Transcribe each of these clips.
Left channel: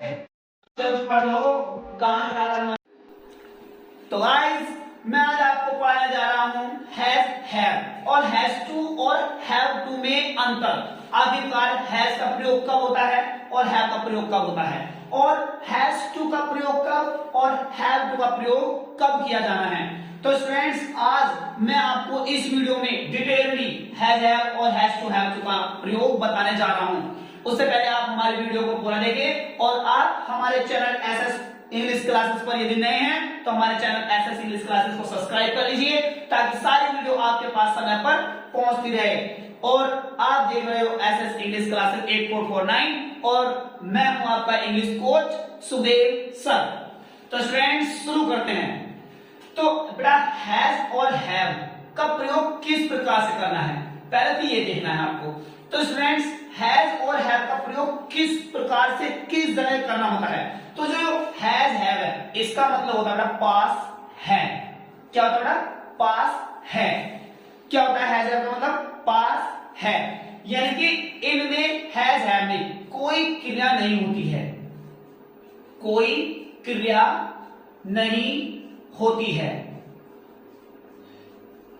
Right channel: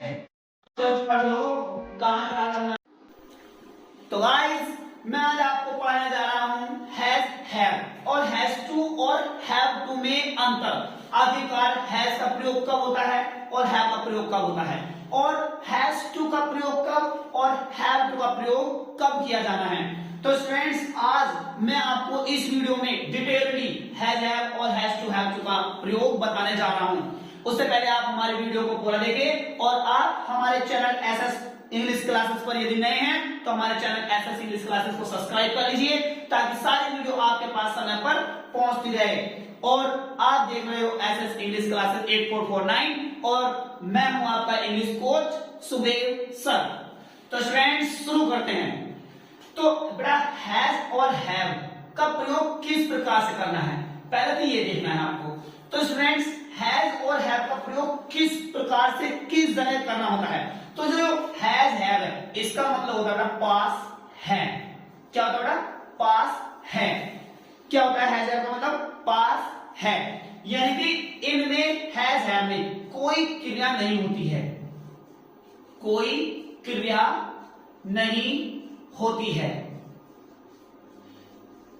तो गाइस मैं आज आपको पढ़ाने जा रहा हूं हैज हैव और हैज टू और हैव टू में अंतर। आखिरकार हैज का प्रयोग कब होता है और हैव का प्रयोग कब होता है, और हैज टू का प्रयोग कब और हैव टू का प्रयोग कब किया जाना है। तो स्टूडेंट्स आज मैं आपको इस वीडियो में डिटेलली हैज हैव और हैज टू हैव टू का प्रयोग बताने जा रहा हूं। उससे पहले आप हमारे वीडियो को पूरा देखें और आप हमारे चैनल एसएस इंग्लिश क्लासेस पर यदि नए हैं तो हमारे चैनल एसएस इंग्लिश क्लासेस को सब्सक्राइब कर लीजिए ताकि सारी वीडियो आपके पास समय पर पहुंचती रहे। और आप देख रहे हो एसएस इंग्लिश क्लासेस 8449 और मैं हूं आपका इंग्लिश कोच सुदेव सर। तो स्टूडेंट्स शुरू करते हैं। तो बेटा हैज और हैव का प्रयोग किस प्रकार से करना है पहले तो ये देखना है आपको। तो स्टूडेंट्स हैज और हैव का प्रयोग किस प्रकार से किस जगह करना होता है। तो जो हैज हैव है इसका मतलब होता है पास है। क्या होता है बेटा? पास है। क्या होता है हैज हैव का मतलब? पास है। यानी कि इनमें हैज हैव में कोई क्रिया नहीं होती है, कोई क्रिया नहीं होती है।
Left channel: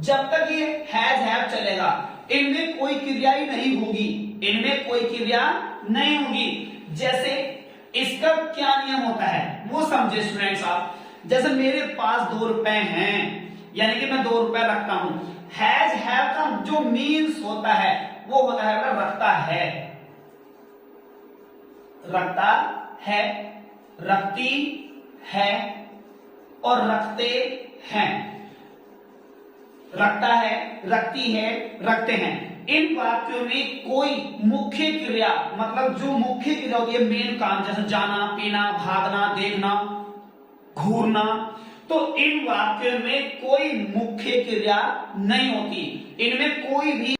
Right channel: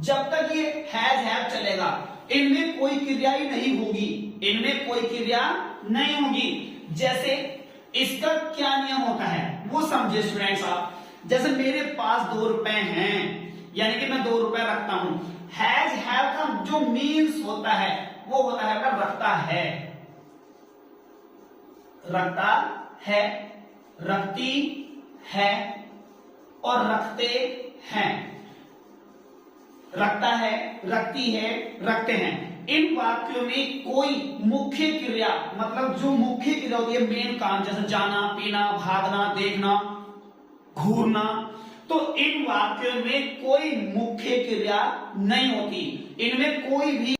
जब तक ये हैज हैव चलेगा इनमें कोई क्रिया ही नहीं होगी, इनमें कोई क्रिया नहीं होगी। जैसे इसका क्या नियम होता है वो समझे स्टूडेंट्स आप। जैसे मेरे पास 2 रुपए हैं यानी कि मैं 2 रुपए रखता हूं। हैज हैव का जो मीन्स होता है वो होता है रखता है, रखता है, रखती है और रखते हैं। रखता है, रखती है, रखते हैं। इन वाक्यों में कोई मुख्य क्रिया मतलब जो मुख्य क्रिया होती है मेन काम, जैसे जाना, पीना, भागना, देखना, घूरना, तो इन वाक्यों में कोई मुख्य क्रिया नहीं होती, इनमें कोई भी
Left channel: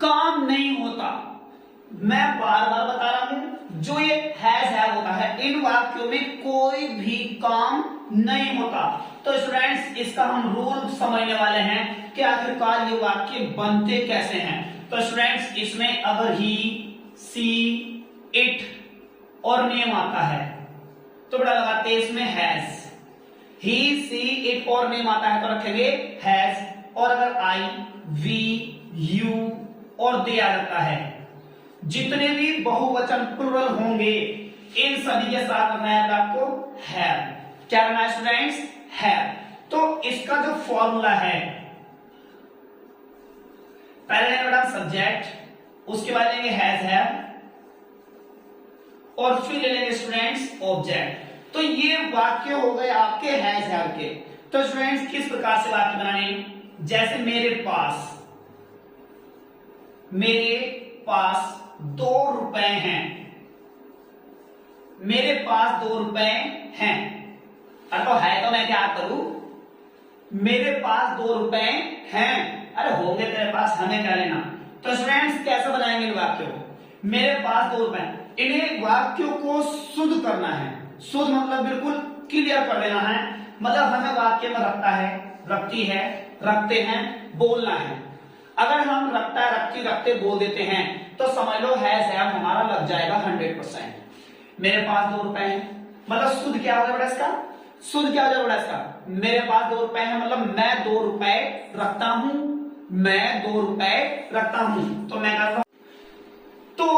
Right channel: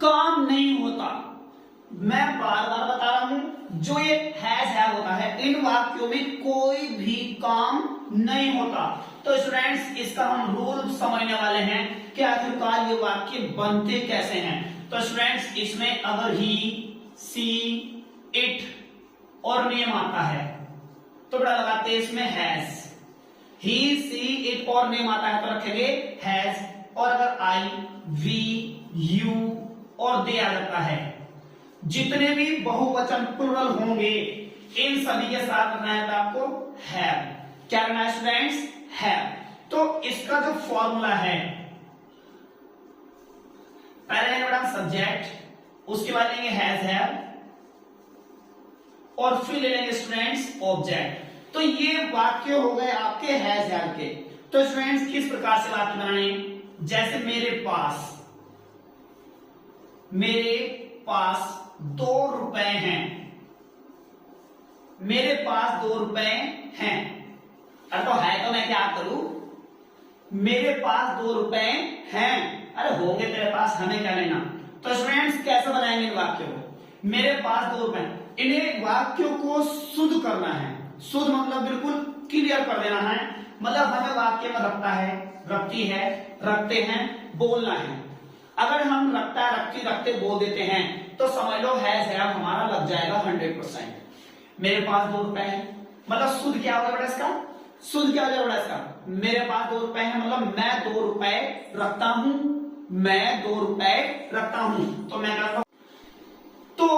काम नहीं होता। मैं बार बार बता रहा हूं जो ये हैज हैव होता है इन वाक्यों में कोई भी काम नहीं होता। तो स्टूडेंट्स इसका हम रूल समझने वाले हैं कि आखिरकार ये वाक्य बनते कैसे हैं। तो स्टूडेंट्स इसमें अगर ही, सी, इट और नेम आता है तो बेटा लगाते हैं इसमें हैज। ही, सी, इट और नेम आता है तो रखेंगे हैज। और अगर आई, वी, यू और दे आ जाता है, जितने भी बहुवचन प्लुरल होंगे इन सभी के साथ रखना है आपको हैव। क्या करना है स्टूडेंट्स? हैव। तो इसका जो फॉर्मूला है पहले लेंगे बेटा सब्जेक्ट, उसके बाद लेंगे हैज हैव और फिर ले लेंगे स्टूडेंट्स ऑब्जेक्ट। तो ये वाक्य हो गए आपके हैज हैव के। तो स्टूडेंट्स किस प्रकार से वाक्य बनाने, जैसे मेरे पास 2 रुपए हैं, मेरे पास 2 रुपए हैं। अरे तो है तो मैं क्या करूं, मेरे पास 2 रुपए हैं। अरे होंगे तेरे पास, हमें क्या लेना। तो स्टूडेंट्स कैसे बनाएंगे इन वाक्यों को? मेरे पास 2 रुपए, इन्हें वाक्यों को शुद्ध करना है। शुद्ध मतलब बिल्कुल क्लियर कर देना है। मतलब हमें वाक्य में रखता है, रखती है, रखते हैं बोलना है। अगर हम रखता, रखती, रखते बोल देते हैं तो समझ लो हैज हैव हमारा लग जाएगा 100%। मेरे पास 2 रुपए हैं मतलब शुद्ध क्या होगा बेटा इसका? शुद्ध क्या हो जाएगा बेटा इसका? मेरे पास 2 रुपए हैं मतलब मैं 2 रुपए रखता हूं, मैं 2 रुपए रखता हूं। तो मैं कहता हूं तो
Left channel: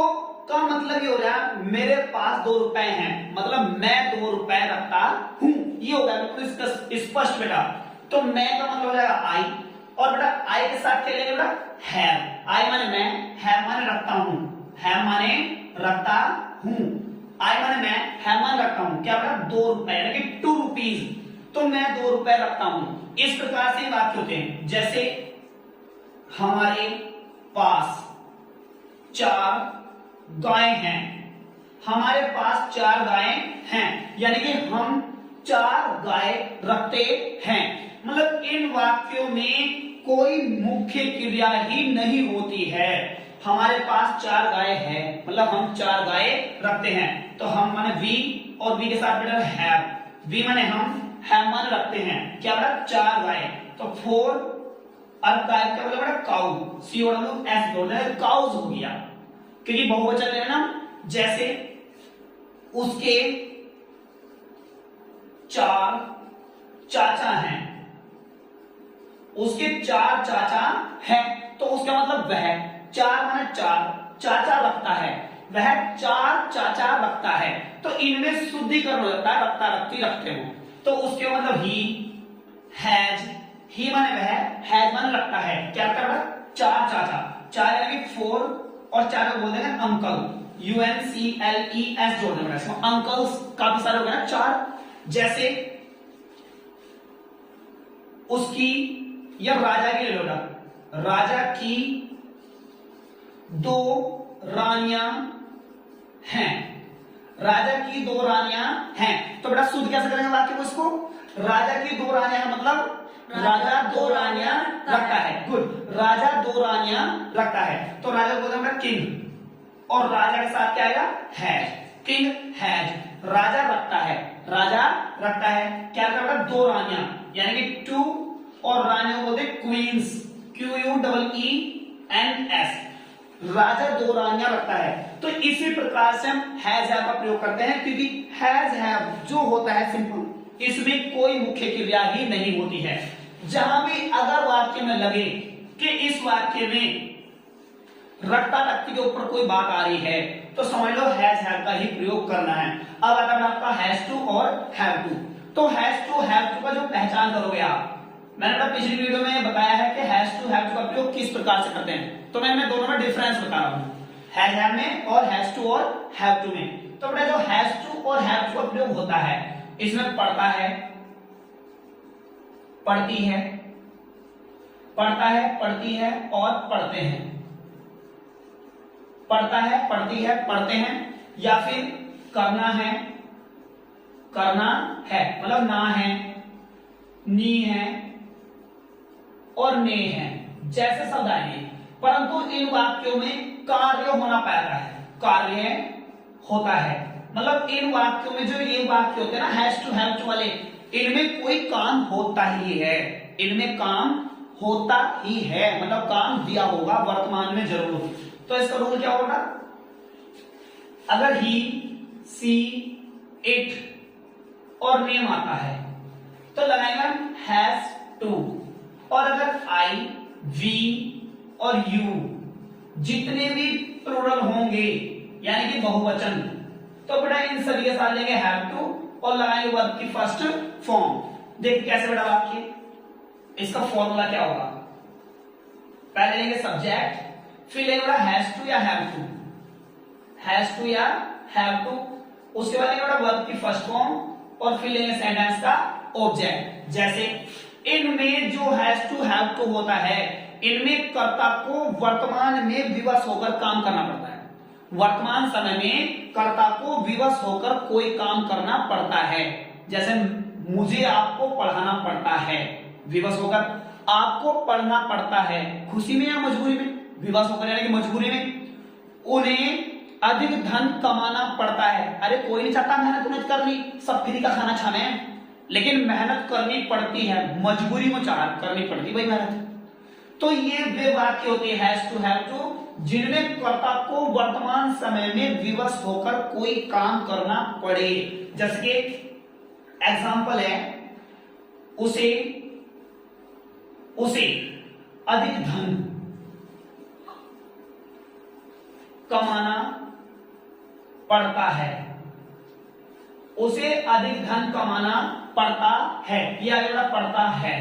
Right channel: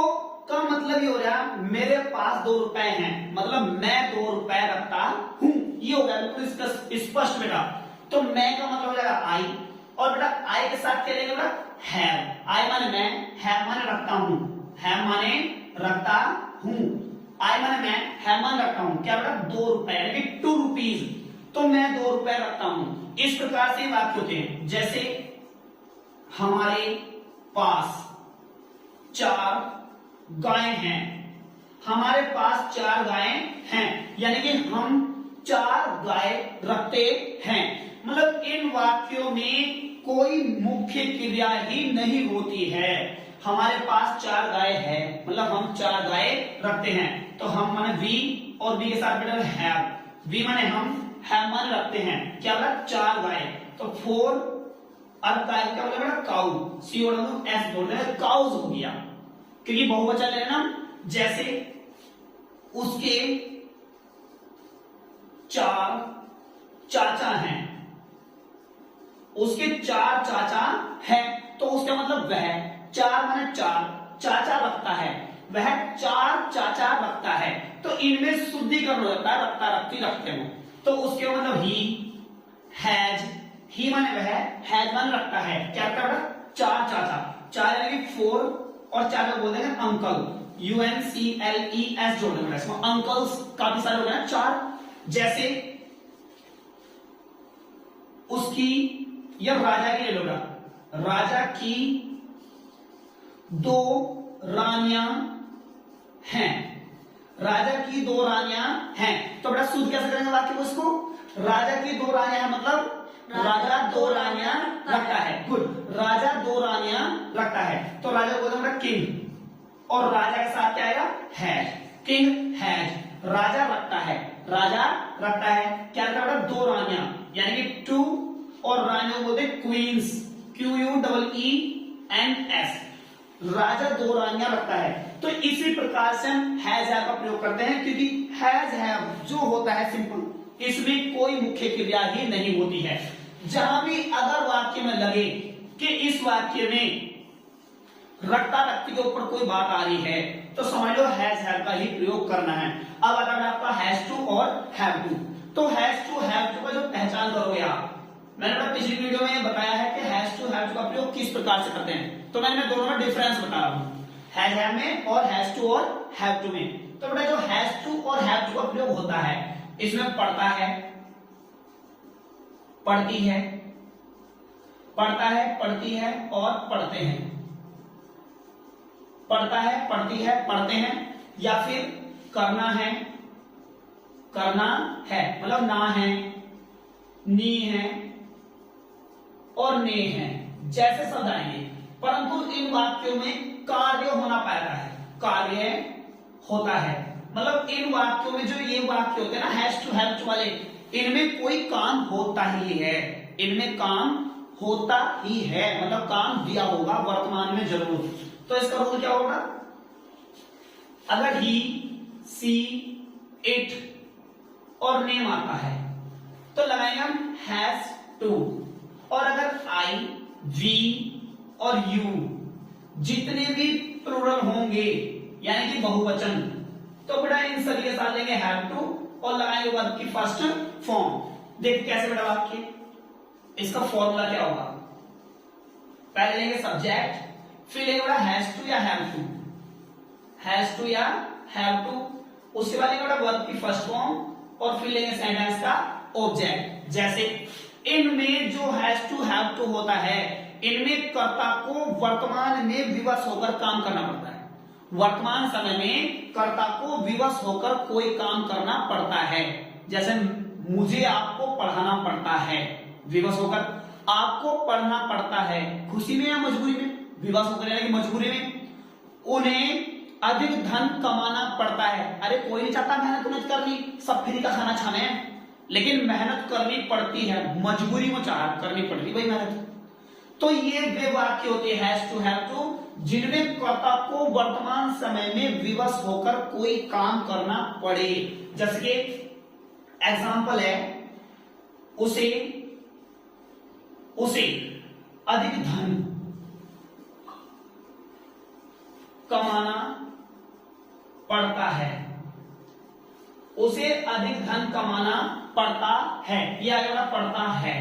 का मतलब ये हो रहा है मेरे पास 2 रुपए हैं मतलब मैं 2 रुपए रखता हूं। ये हो गया बिल्कुल स्पष्ट बेटा। तो मैं का मतलब हो जाएगा आई, और बेटा आई के साथ क्या लेंगे बेटा? हैव। आई माने मैं, हैव माने रखता हूं, हैव माने रखता हूं, आई माने मैं, हैव माने रखता हूं। क्या बेटा? 2 रुपए यानी कि 2 रुपीज। तो मैं 2 रुपए रखता हूं। इस प्रकार से वाक्य होते हैं। जैसे हमारे पास 4 गायें हैं, हमारे पास 4 गायें हैं यानी कि हम 4 गाय रखते हैं। मतलब इन वाक्यों में कोई मुख्य क्रिया ही नहीं होती है। हमारे पास 4 गाय है मतलब हम 4 गाय रखते हैं। तो हम माने वी और वी के साथ बेटा हैव। वी माने हम, हैव माने रखते हैं। क्या बेटा? 4 गाय। तो 4 और गाय का मतलब बेटा काउ, सी ओ डब्ल्यू एस बोलते हैं, काउज हो गया क्योंकि बहुवचन लेना। जैसे उसके 4 चाचा हैं, उसके 4 चाचा हैं, तो उसका मतलब वह 4 माने 4 चाचा रखता है, वह 4 चाचा रखता है। तो इनमें शुद्धिकरण हो जाता है, रखता रखती रखते हो, तो उसके मतलब ही हैज, ही माने वह, हैज माने रखता है, क्या कर रहा 4 चाचा, 4 यानी 4 और 4 को बोलते हैं अंकल, UNCLES जोड़ने वाला, इसमें अंकल्स काफी सारे हो गए 4। जैसे उसकी या राजा की ले लो, राजा की 2 रानियां हैं, राजा की 2 रानियां हैं, तो बेटा शुद्ध कैसे करेंगे वाक्य को, इसको राजा की 2 रानियां हैं मतलब राजा 2 रानियां रखता है, गुड, राजा 2 रानियां रखता है, तो राजा को बोलते हैं किंग, और राजा के साथ क्या आएगा हैज, किंग हैज, राजा रखता है, राजा रखता है, क्या करता है 2 रानियां यानी कि 2, और रानियों बोलते क्वींस, QUEENS, राजा 2 रानियां रखता है। तो इसी प्रकार से हम हैज हैव का प्रयोग करते हैं, क्योंकि हैज हैव जो होता है सिंपल, इसमें कोई मुख्य क्रिया ही नहीं होती है। जहां भी अगर वाक्य में लगे कि इस वाक्य में रखता रखती के ऊपर कोई बात आ रही है, तो समझ लो हैज हैव का ही प्रयोग करना है। अब आता है आपका हैज टू और हैव टू। तो हैज टू हैव टू का जो पहचान करोगे आप, मैंने पिछली वीडियो में बताया है कि हैज टू हैव टू का प्रयोग किस प्रकार से करते हैं, तो मैं दोनों में डिफरेंस बता रहा हूं, हैज हैव में और हैज टू और हैव टू में। तो बेटा जो हैज टू और हैव टू का प्रयोग होता है, इसमें पढ़ता है, पढ़ती है, पढ़ता है, पढ़ती है और पढ़ते हैं, पढ़ता है, पढ़ती है, पढ़ते हैं, या फिर करना है, करना है मतलब ना है, नी है और ने है, जैसे शब्द आएंगे, परंतु इन वाक्यों में कार्य होना पाता है, कार्य होता है, मतलब इन वाक्यों में जो ये वाक्य होते हैं ना हैज टू हैव टू वाले, इनमें कोई काम होता ही है, इनमें काम होता ही है, मतलब काम दिया होगा वर्तमान में जरूर। तो इसका रूल क्या होगा, अगर ही, सी, इट और नेम आता है तो लगाएंगे हम हैज टू, और अगर आई, वी और यू जितने भी प्लूरल होंगे यानी कि बहुवचन, तो बेटा इन सभी के साथ लेंगे हैव टू और लगाएंगे वर्ब की फर्स्ट फॉर्म। देखिए कैसे बेटा वाक्य, इसका फॉर्मूला क्या होगा, पहले लेंगे सब्जेक्ट, फिर लेंगे बेटा हैज टू या हैव टू, हैज टू या हैव टू, उसके बाद लेंगे बेटा वर्ब की फर्स्ट फॉर्म, और फिर लेंगे सेंटेंस का ऑब्जेक्ट। जैसे इनमें जो हैज टू हैव टू होता है, इनमें कर्ता को वर्तमान में विवश होकर काम करना पड़ता है, वर्तमान समय में कर्ता को विवश होकर कोई काम करना पड़ता है। जैसे मुझे आपको पढ़ाना पड़ता है, विवश होकर आपको पढ़ना पड़ता है, खुशी में या मजबूरी में, विवश होकर यानी कि मजबूरी में। उन्हें अधिक धन कमाना पड़ता है, अरे कोई नहीं चाहता मेहनत करनी, सब फ्री का खाना खाना है, लेकिन मेहनत करनी पड़ती है, मजबूरी में चाह करनी पड़ती भाई मेहनत। तो ये वे वाक्य होते हैं हैज टू हैव टू, जिनमें कर्ता को वर्तमान समय में विवश होकर कोई काम करना पड़े। जैसे कि एग्जांपल है, उसे अधिक धन कमाना पड़ता है, उसे अधिक धन कमाना पड़ता है, यह अगला पड़ता है,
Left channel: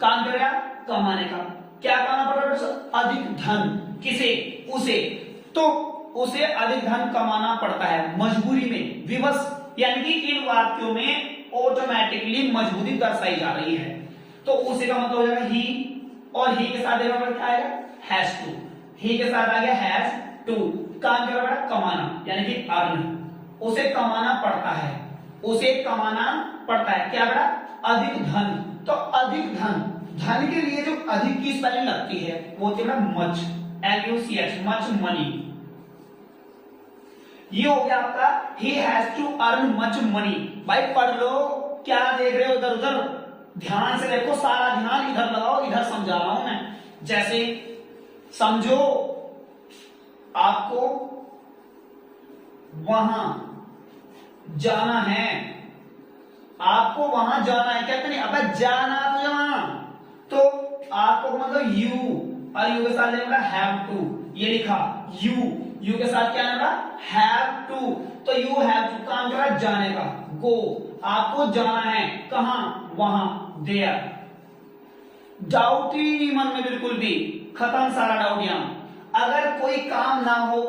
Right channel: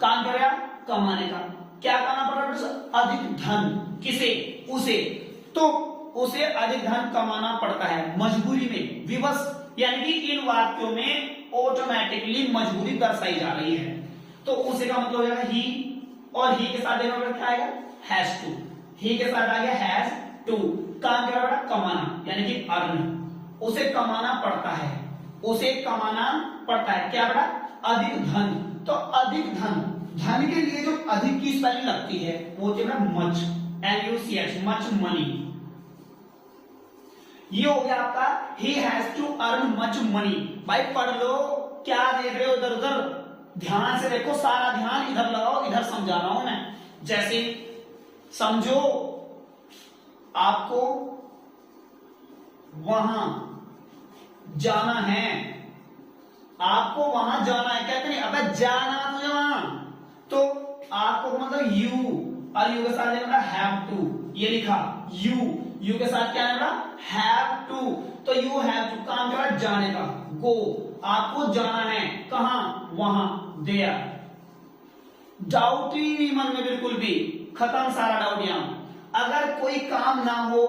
काम करेगा कमाने का, क्या कमाना पड़ रहा है, अधिक धन, किसे, उसे, तो उसे अधिक धन कमाना पड़ता है मजबूरी में, विवश, यानी कि इन वाक्यों में ऑटोमेटिकली मजबूरी दर्शाई जा रही है। तो उसे का मतलब हो जाएगा ही, और ही के साथ क्या आएगा हैज टू, ही के साथ आ गया हैज टू, काम क्या बेटा कमाना यानी कि अर्न, उसे कमाना पड़ता है, उसे कमाना पड़ता है, क्या बेटा अधिक धन। तो अधिक धन, धन के लिए जो अधिक की स्पेलिंग लगती है वो होती है मच, MUCH, मच मनी। ये हो गया आपका ही has to earn much money. भाई पढ़ लो, क्या देख रहे हो इधर उधर, ध्यान से देखो, सारा ध्यान इधर लगाओ, इधर समझा रहा हूं मैं। जैसे समझो आपको वहां जाना है, आपको वहां जाना है। कहते नहीं अबे जाना तुझे वहां, तो आपको मतलब यू, और यू के साथ लेना हैव टू, ये लिखा यू के साथ क्या लेना हैव टू, तो यू हैव टू काम क्या है जाने का, गो, आपको जाना है कहां, वहां, देयर। डाउट ही नहीं मन में बिल्कुल भी, खत्म सारा डाउट यहां। अगर कोई काम ना हो,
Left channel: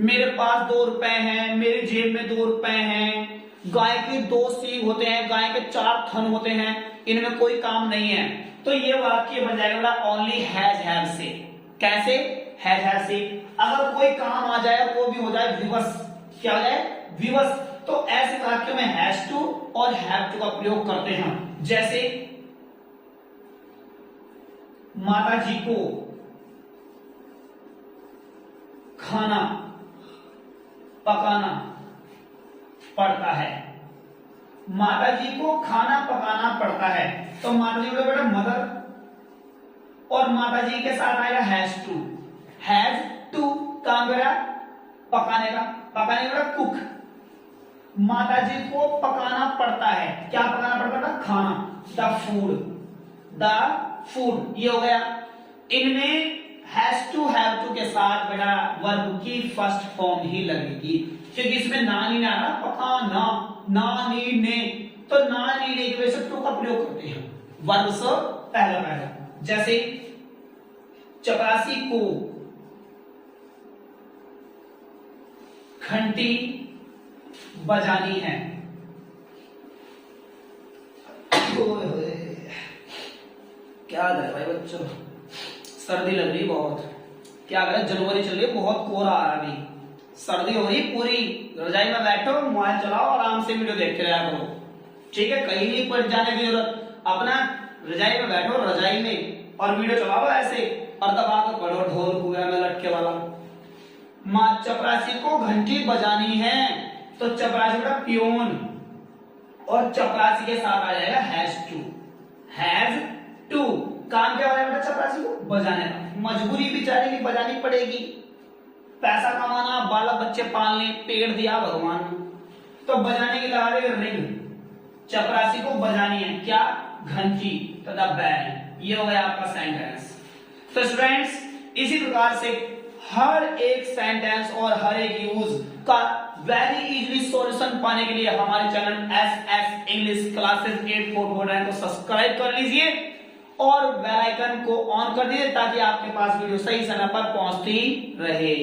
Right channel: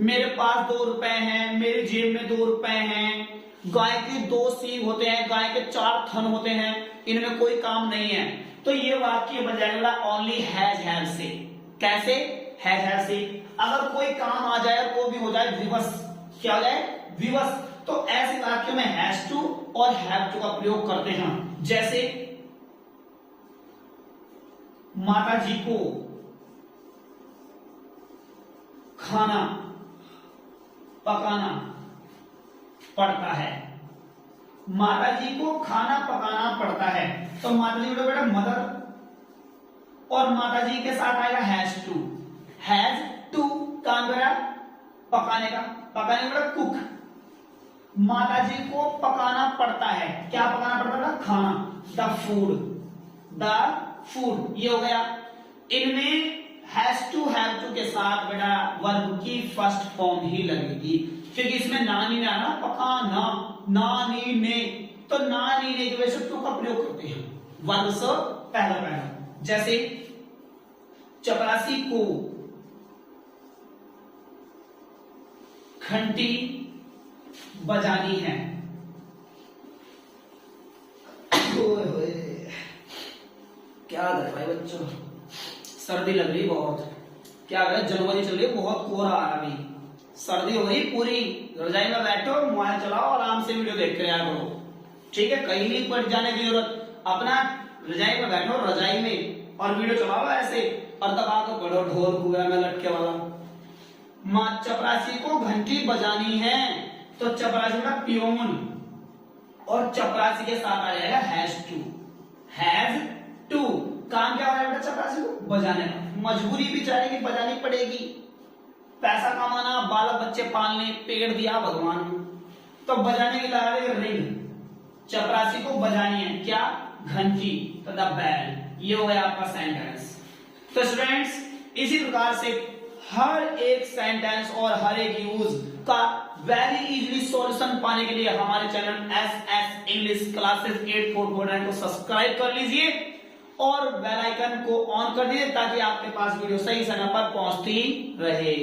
मेरे पास 2 रुपए हैं, मेरी जेब में 2 रुपए हैं, गाय के 2 सींग होते हैं, गाय के 4 थन होते हैं, इनमें कोई काम नहीं है, तो ये वाक्य बन जाएगा ओनली हैज से। कैसे, हैज से। अगर कोई काम आ जाए वो भी हो जाए विवश, क्या हो जाए विवश, तो ऐसे वाक्यों में हैज टू और हैव टू का प्रयोग करते हैं। जैसे माता जी को खाना पकाना पड़ता है, माता जी को खाना पकाना पड़ता है, तो माता जी बोले बेटा मदर, और माता जी के साथ आएगा हैज टू काम करा पकाने का, पकाने का कुक। माता जी को पकाना पड़ता है, क्या पकाना पड़ता है, खाना, द फूड, ये हो गया। इनमें हैज टू हैव टू के साथ बेटा वर्ब की फर्स्ट फॉर्म ही लगेगी, क्योंकि इसमें नानी ने आना पकाना, नानी ने, तो नानी ने की वजह से टू का प्रयोग करते हैं वर्ब से पहला। जैसे चपरासी को घंटी बजानी है, क्या कर भाई बच्चों, सर्दी लग रही बहुत, क्या करें जनवरी चल रही है, बहुत कोहरा आ रहा है, सर्दी हो गई पूरी। रजाई में बैठो, मोबाइल चलाओ, आराम से वीडियो देखते रहा करो, ठीक है, कहीं नहीं पर जाने की जरूरत, अपना रजाई में बैठो, रजाई में, और वीडियो चलाओ ऐसे, और दबा कर पढ़ो ढोल कुएं में लटके वाला। मां चपरासी को घंटी बजानी है, तो चपरासी का प्योन, और चपरासी के साथ आ जाएगा हैज टू, काम क्या हो जाएगा चपरासी को बजाने का, मजबूरी बेचारे की बजानी पड़ेगी, पैसा कमाना, बालक बच्चे पालने, पेड़ दिया भगवान, तो बजाने की लगा देगा रिंग, चपरासी को बजानी है क्या, घंटी, तो द बेल। ये हो गया आपका सेंटेंस। तो स्टूडेंट्स इसी प्रकार से हर एक सेंटेंस और हर एक यूज का वेरी इजीली सॉल्यूशन पाने के लिए हमारे चैनल SS इंग्लिश क्लासेस 8449 को सब्सक्राइब कर लीजिए और बेल आइकन को ऑन कर दीजिए, ताकि आपके पास वीडियो सही समय पर पहुंचती रहे।